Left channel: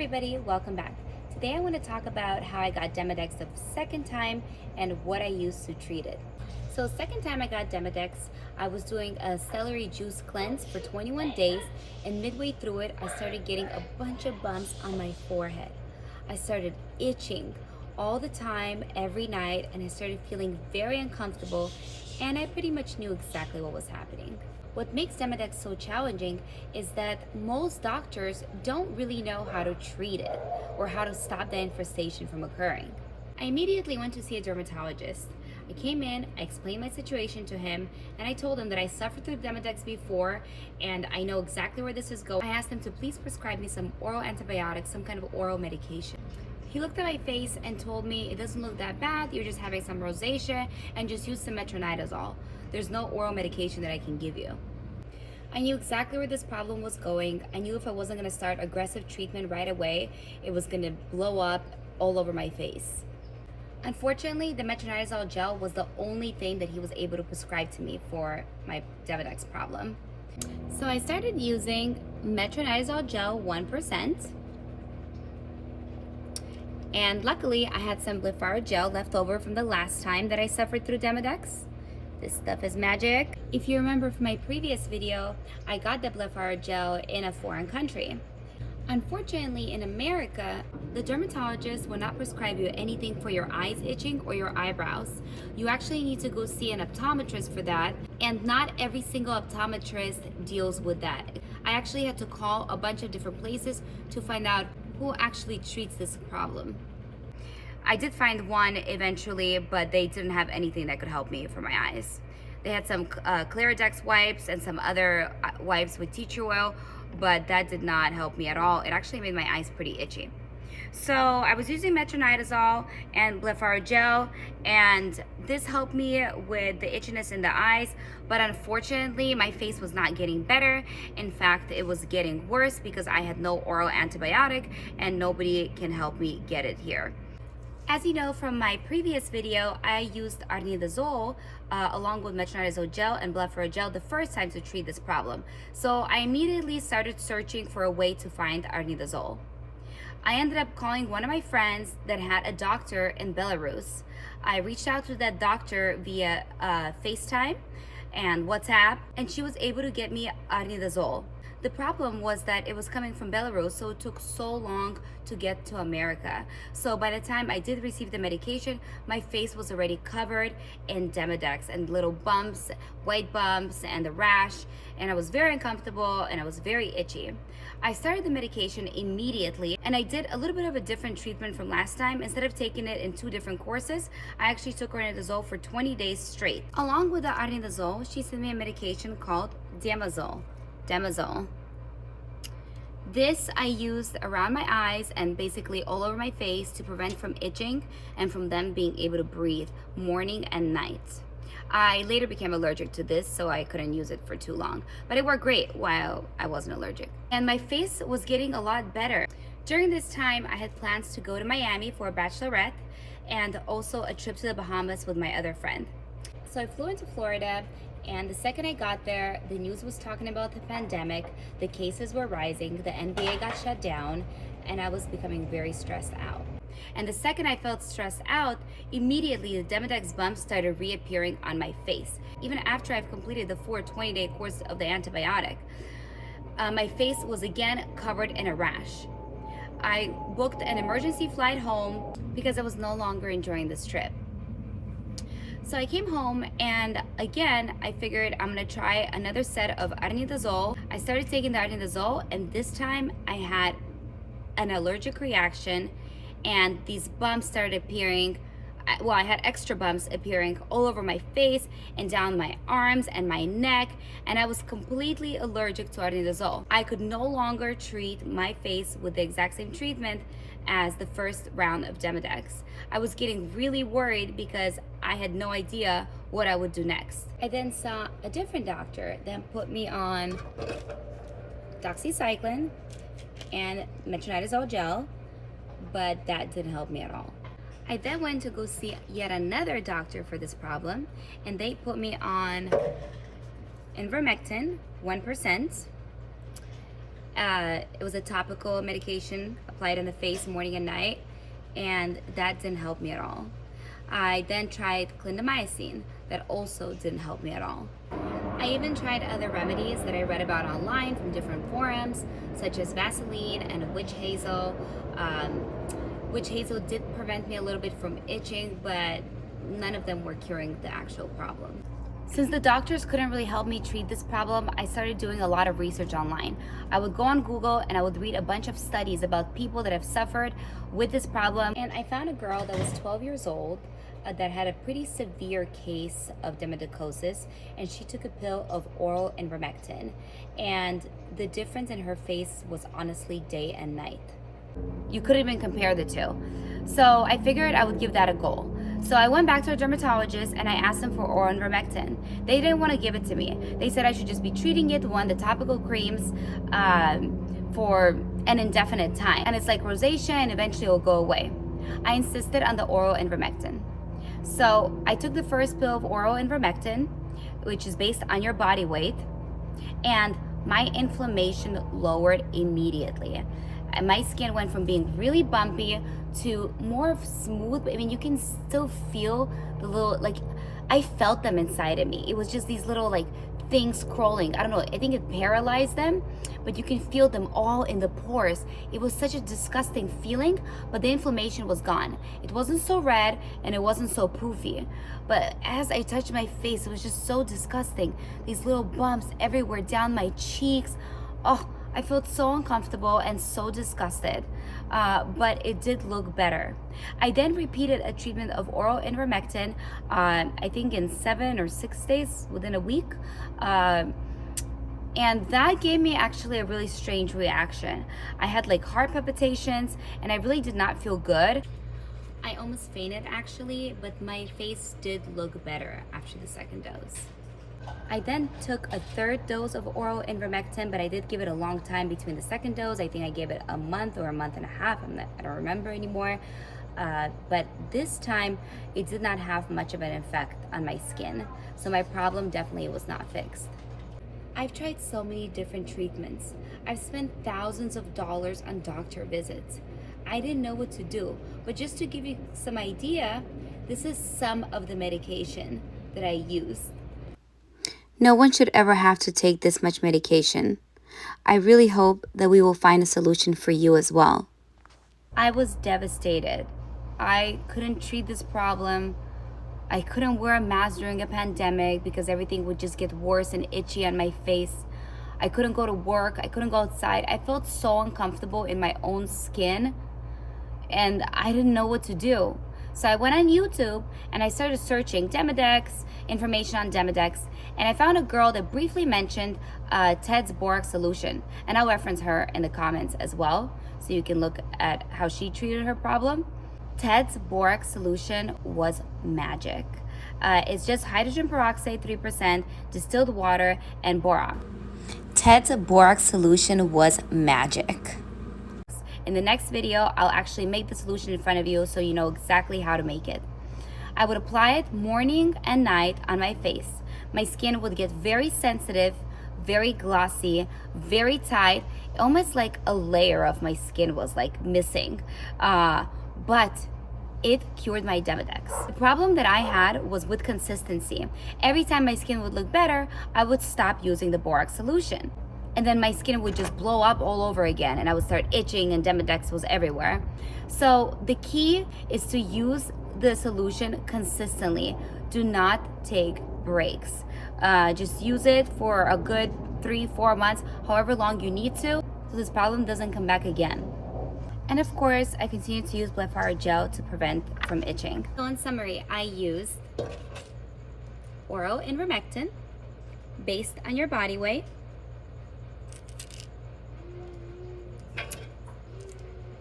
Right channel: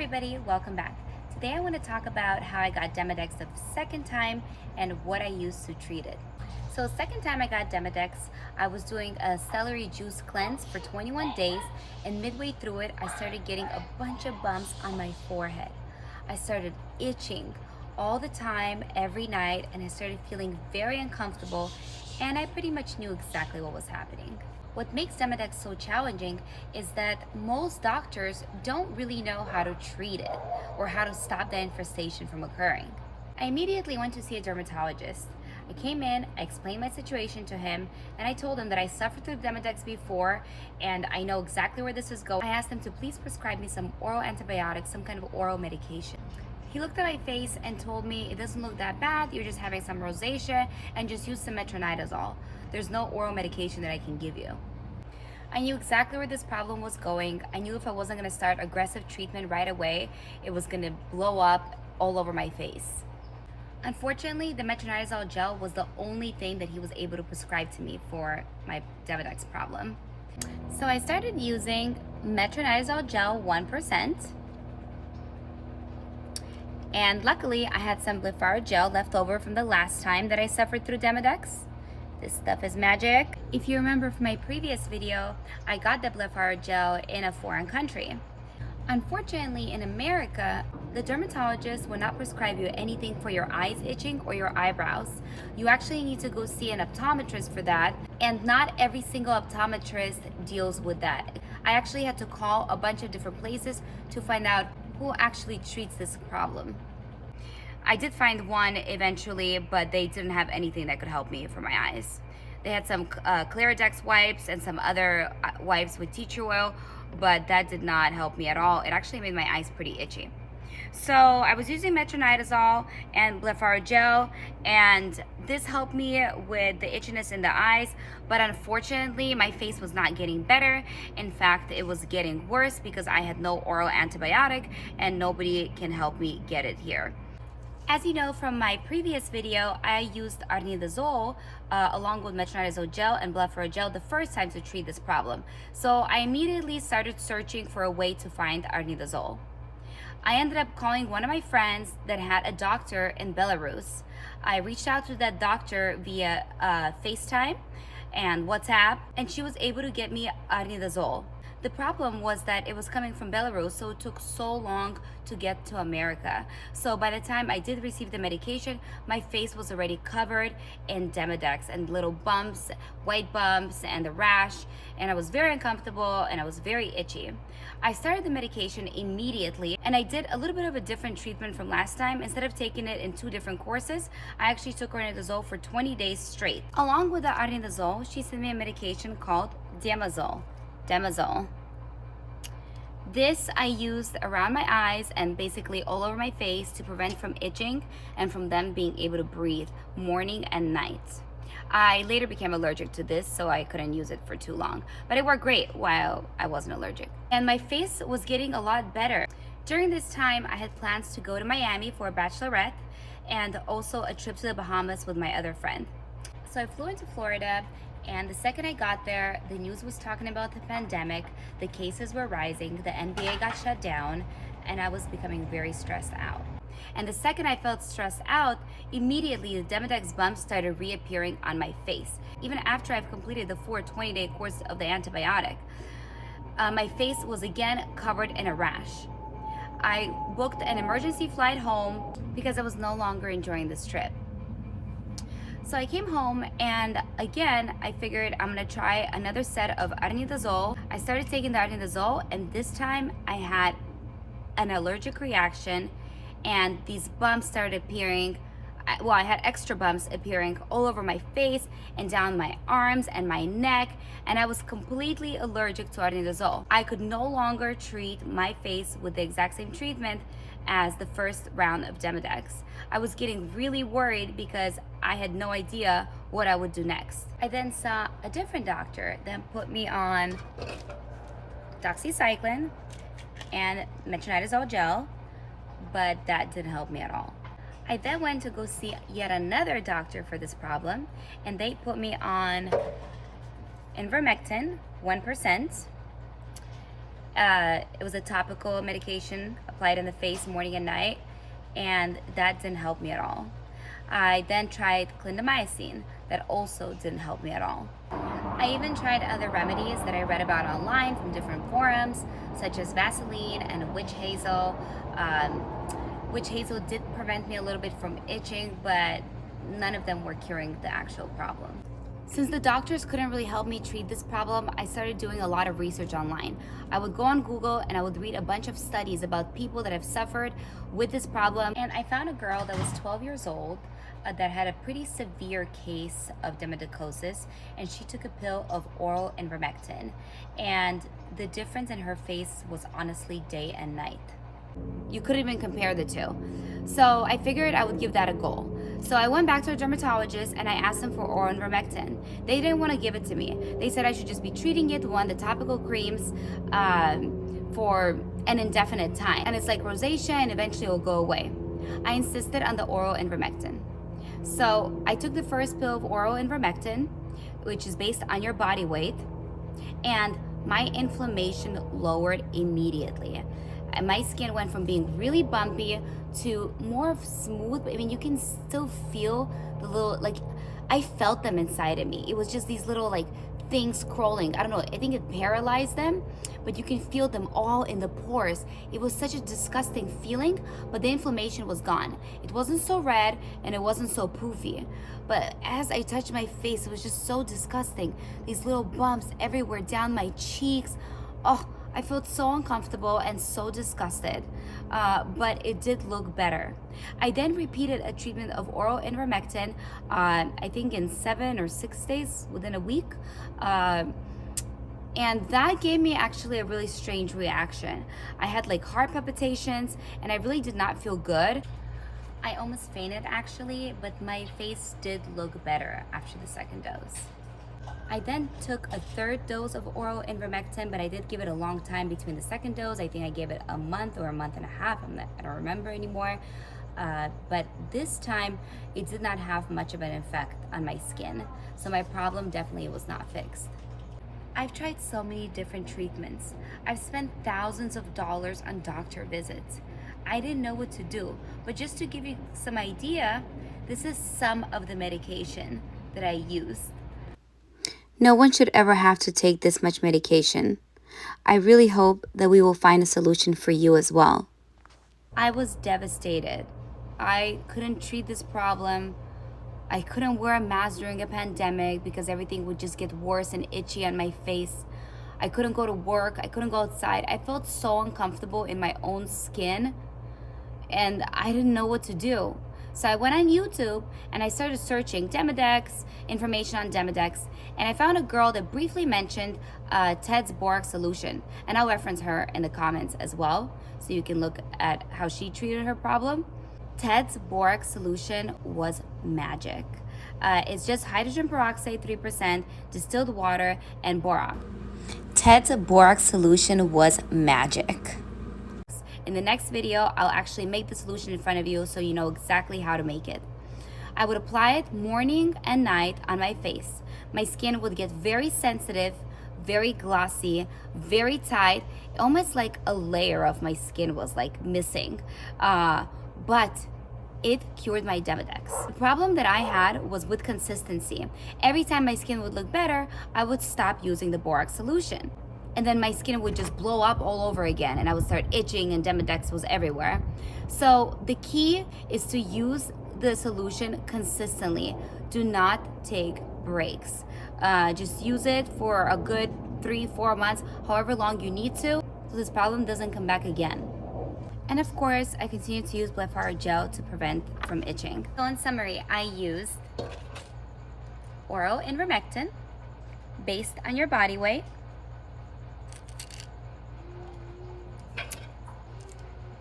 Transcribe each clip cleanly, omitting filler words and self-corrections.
everybody, welcome back. Today I want to talk about how I got Demadex the second time and what I used to treat it. So second time I got Demadex, I was doing a celery juice cleanse for 21 days, and midway through it I started getting a bunch of bumps on my forehead. I started itching all the time, every night, and I started feeling very uncomfortable, and I pretty much knew exactly what was happening. What makes Demadex so challenging is that most doctors don't really know how to treat it or how to stop the infestation from occurring. I immediately went to see a dermatologist. I came in, I explained my situation to him, and I told him that I suffered through Demadex before and I know exactly where this is going. I asked him to please prescribe me some oral antibiotics, some kind of oral medication. He looked at my face and told me, it doesn't look that bad, you're just having some rosacea, and just use some metronidazole. There's no oral medication that I can give you. I knew exactly where this problem was going. I knew if I wasn't going to start aggressive treatment right away, it was going to blow up all over my face. Unfortunately, the metronidazole gel was the only thing that he was able to prescribe to me for my Demadex problem. So I started using metronidazole gel 1%. And luckily, I had some blepharo gel left over from the last time that I suffered through Demadex. This stuff is magic. If you remember from my previous video, I got the blepharo gel in a foreign country. Unfortunately, in America, the dermatologist will not prescribe you anything for your eyes itching or your eyebrows. You actually need to go see an optometrist for that, and not every single optometrist deals with that. I actually had to call a bunch of different places to find out who actually treats this problem. I did find one eventually, but they didn't have anything that could help me for my eyes. They had some Claridex wipes and some other wipes with tea tree oil, but that did not help me at all. It actually made my eyes pretty itchy. So I was using metronidazole and blepharo gel, and this helped me with the itchiness in the eyes, but unfortunately my face was not getting better. In fact, it was getting worse because I had no oral antibiotic and nobody can help me get it here. As you know from my previous video, I used Ornidazole along with metronidazole gel and blepharo gel the first time to treat this problem. So I immediately started searching for a way to find Ornidazole. I ended up calling one of my friends that had a doctor in Belarus. I reached out to that doctor via FaceTime and WhatsApp, and she was able to get me Ornidazole. The problem was that it was coming from Belarus, so it took so long to get to America. So by the time I did receive the medication, my face was already covered in Demadex and little bumps, white bumps, and the rash, and I was very uncomfortable and I was very itchy. I started the medication immediately, and I did a little bit of a different treatment from last time. Instead of taking it in 2 different courses, I actually took Ornidazole for 20 days straight. Along with the Ornidazole, she sent me a medication called Demodazole. This I used around my eyes and basically all over my face to prevent from itching and from them being able to breathe morning and night. I later became allergic to this, so I couldn't use it for too long, but it worked great while I wasn't allergic. And my face was getting a lot better. During this time, I had plans to go to Miami for a bachelorette and also a trip to the Bahamas with my other friend. So I flew into Florida, and the second I got there, the news was talking about the pandemic, the cases were rising, the NBA got shut down, and I was becoming very stressed out. And the second I felt stressed out, immediately the Demadex bumps started reappearing on my face. Even after I've completed the 20-day course of the antibiotic, my face was again covered in a rash. I booked an emergency flight home because I was no longer enjoying this trip. So I came home, and again, I figured I'm gonna try another set of Ornidazole. I started taking the Ornidazole, and this time I had an allergic reaction, and these bumps started appearing. Well, I had extra bumps appearing all over my face and down my arms and my neck, and I was completely allergic to Ornidazole. I could no longer treat my face with the exact same treatment as the first round of Demadex. I was getting really worried because I had no idea what I would do next. I then saw a different doctor that put me on Doxycycline and metronidazole gel, but that didn't help me at all. I then went to go see yet another doctor for this problem, and they put me on ivermectin 1%, It was a topical medication applied in the face morning and night, and that didn't help me at all. I then tried clindamycin. That also didn't help me at all. I even tried other remedies that I read about online from different forums, such as Vaseline and witch hazel. Witch hazel did prevent me a little bit from itching, but none of them were curing the actual problem. Since the doctors couldn't really help me treat this problem, I started doing a lot of research online. I would go on Google and I would read a bunch of studies about people that have suffered with this problem. And I found a girl that was 12 years old that had a pretty severe case of demodicosis, and she took a pill of oral ivermectin. And the difference in her face was honestly day and night. You couldn't even compare the two. So I figured I would give that a go. So I went back to a dermatologist and I asked them for oral ivermectin. They didn't want to give it to me. They said I should just be treating it, the topical creams, for an indefinite time. And it's like rosacea and eventually it'll go away. I insisted on the oral ivermectin. So I took the first pill of oral ivermectin, which is based on your body weight, and my inflammation lowered immediately. And my skin went from being really bumpy to more of smooth. I mean, you can still feel the little, like, I felt them inside of me. It was just these little like things crawling. I don't know, I think it paralyzed them, but you can feel them all in the pores. It was such a disgusting feeling, but the inflammation was gone. It wasn't so red and it wasn't so poofy. But as I touched my face, it was just so disgusting. These little bumps everywhere down my cheeks. Oh, I felt so uncomfortable and so disgusted, but it did look better. I then repeated a treatment of oral ivermectin, I think in 7 or 6 days, within a week. And that gave me actually a really strange reaction. I had like heart palpitations and I really did not feel good. I almost fainted actually, but my face did look better after the second dose. I then took a third dose of oral ivermectin, but I did give it a long time between the second dose. I think I gave it a month or a month and a half. I don't remember anymore. But this time, it did not have much of an effect on my skin. So my problem definitely was not fixed. I've tried so many different treatments. I've spent thousands of dollars on doctor visits. I didn't know what to do. But just to give you some idea, this is some of the medication that I used. No one should ever have to take this much medication. I really hope that we will find a solution for you as well. I was devastated. I couldn't treat this problem. I couldn't wear a mask during a pandemic because everything would just get worse and itchy on my face. I couldn't go to work. I couldn't go outside. I felt so uncomfortable in my own skin and I didn't know what to do. So I went on YouTube and I started searching Demadex, information on Demadex, and I found a girl that briefly mentioned Ted's borax solution. And I'll reference her in the comments as well, so you can look at how she treated her problem. Ted's borax solution was magic. It's just hydrogen peroxide 3%, distilled water, and borax. Ted's borax solution was magic. In the next video, I'll actually make the solution in front of you so you know exactly how to make it. I would apply it morning and night on my face. My skin would get very sensitive, very glossy, very tight, almost like a layer of my skin was like missing. But it cured my Demadex. The problem that I had was with consistency. Every time my skin would look better, I would stop using the borax solution. And then my skin would just blow up all over again and I would start itching and Demadex was everywhere. So the key is to use the solution consistently. Do not take breaks. Just use it for a good 3-4 months, however long you need to, so this problem doesn't come back again. And of course, I continue to use blephar gel to prevent from itching. So in summary, I used oral ivermectin based on your body weight,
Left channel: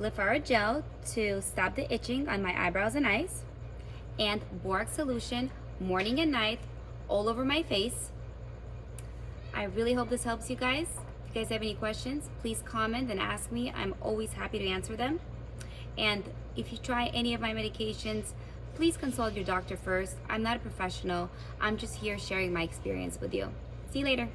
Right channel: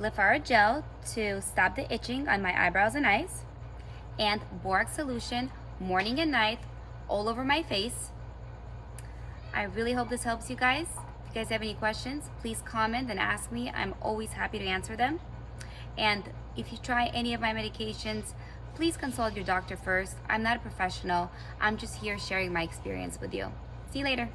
blephar gel to stop the itching on my eyebrows and eyes, and borax solution morning and night all over my face. I really hope this helps you guys. If you guys have any questions, please comment and ask me. I'm always happy to answer them. And if you try any of my medications, please consult your doctor first. I'm not a professional. I'm just here sharing my experience with you. See you later.